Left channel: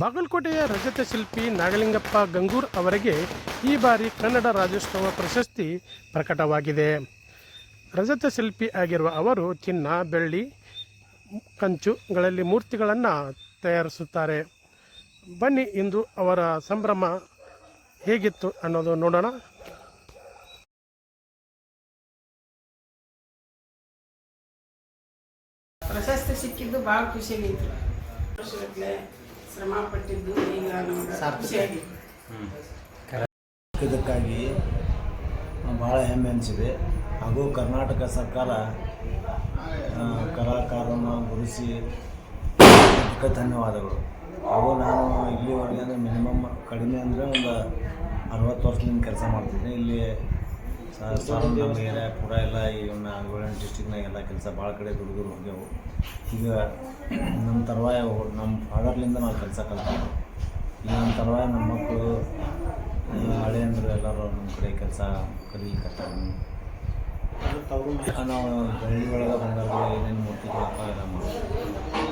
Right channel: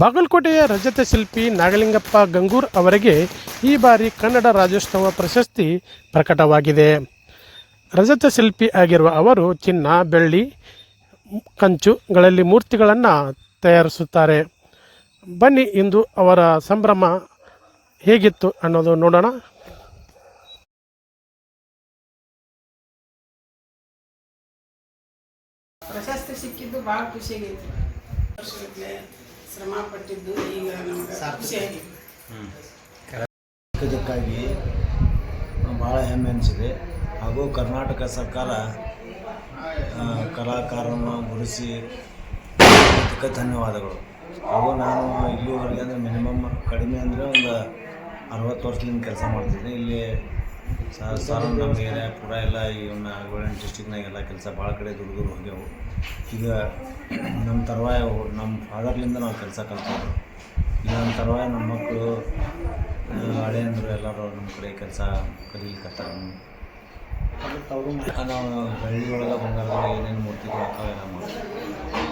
ಬಾಗಲಕೋಟೆಯ ರಜತ ಶಿಲ್ಪಿ ನಾಗಲಿಂಗಪ್ಪ ಗಂಗೂರ್ ಅವರಿಗೆ ಈ ಬಾರಿ ಕನ್ನಡ ರಾಜ್ಯೋತ್ಸವ ಪ್ರಶಸ್ತಿ ಪ್ರಕಟವಾಗಿದೆ. ರಜತ ಶಿಲ್ಪಿ ಆಗಿರುವ ಅವರು ಚಿನ್ನ, ಬೆಳ್ಳಿ, ಕಂಚುಗಳಲ್ಲಿ ಮೂರ್ತಿಗಳನ್ನು ತಯಾರಿಸುತ್ತಾರೆ. ಬನ್ನಿ ಇಂದು ಅವರ ಸಂಭ್ರಮ ಹೇಗಿತ್ತು ಅನ್ನೋದು ನೋಡೋಣ. ಪ್ರಶಸ್ತಿ ಸಿಕ್ಕಿದ್ದು ಭಾಳ ಖುಷಿಯಾಗೈತಿ ವರ್ಷಗಟ್ಟಲೆ ಶ್ರಮ ಪಟ್ಟಿದ್ದು ಈಗ ನಮ್ಗೆ ಇದಕ್ಕಾಗಿ ಭಾಳ ಹೆಮ್ಮೆ ಅನಿಸಿದೆ. ಹಾಗೂ ಕರ್ನಾಟಕ ಸರ್ಕಾರ ಕಲಾಕಾರನ ಗುರುಸಿ ಅದಕ್ಕೆ ಧನ್ಯವಾದಗಳು. ಹಾಗೂ ನಾನು ಇಲ್ಲಿವರೆಗೆ ಅಂದರೆ ಮಿನಿಮಮ್ ಕಡಿಮೆ ಅಂದರೆ ಒಂದು ಅರವತ್ತು ವರ್ಷದಿಂದ ಕೆಲಸ ಮಾಡ್ತಿದ್ದೆ ಇಲ್ಲಿ ಸರ್ ನಮ್ಮ ಏರಿಯಾ ಪೂರ ಎಲ್ಲ ಈ ಇವನ್ನ ಗೋಲ್ಡನ್ ಡಿಸ್ಟಿಕ್ನಾಗೆಲ್ಲ ಕೆಲಸ ಭಾಳ ಕಡೆ ಹೋಗ್ಯವು ಹೋಗ್ಯಾವು. ಈಗ ನಮ್ಮ ತರುವಾಯ ನಮ್ಮ ಫಾದರ್ಲಿಂದ ನಾವು ಕೆಲಸ ಕಲ್ತಿದ್ರು ಈಗ ನಮ್ಮ ತರುವಾಯ ನಮ್ಮ ಮಕ್ಕಳು ಹಳೆ ಅಂದರು ಎಲ್ಲರೂ ನಮ್ಮ ಕಡೆ ಕೆಲಸ ಕಲೀಲಿಕತ್ತಾರೆ. ನಾವು ಹಳ್ಳಿ ಒಳಗೆ ಬಂಗಾರದಾಗ ಏನೇನು ಮೂರ್ತಿಗಳು ಎಲ್ಲ ಮಾಡ್ತೀವಿ.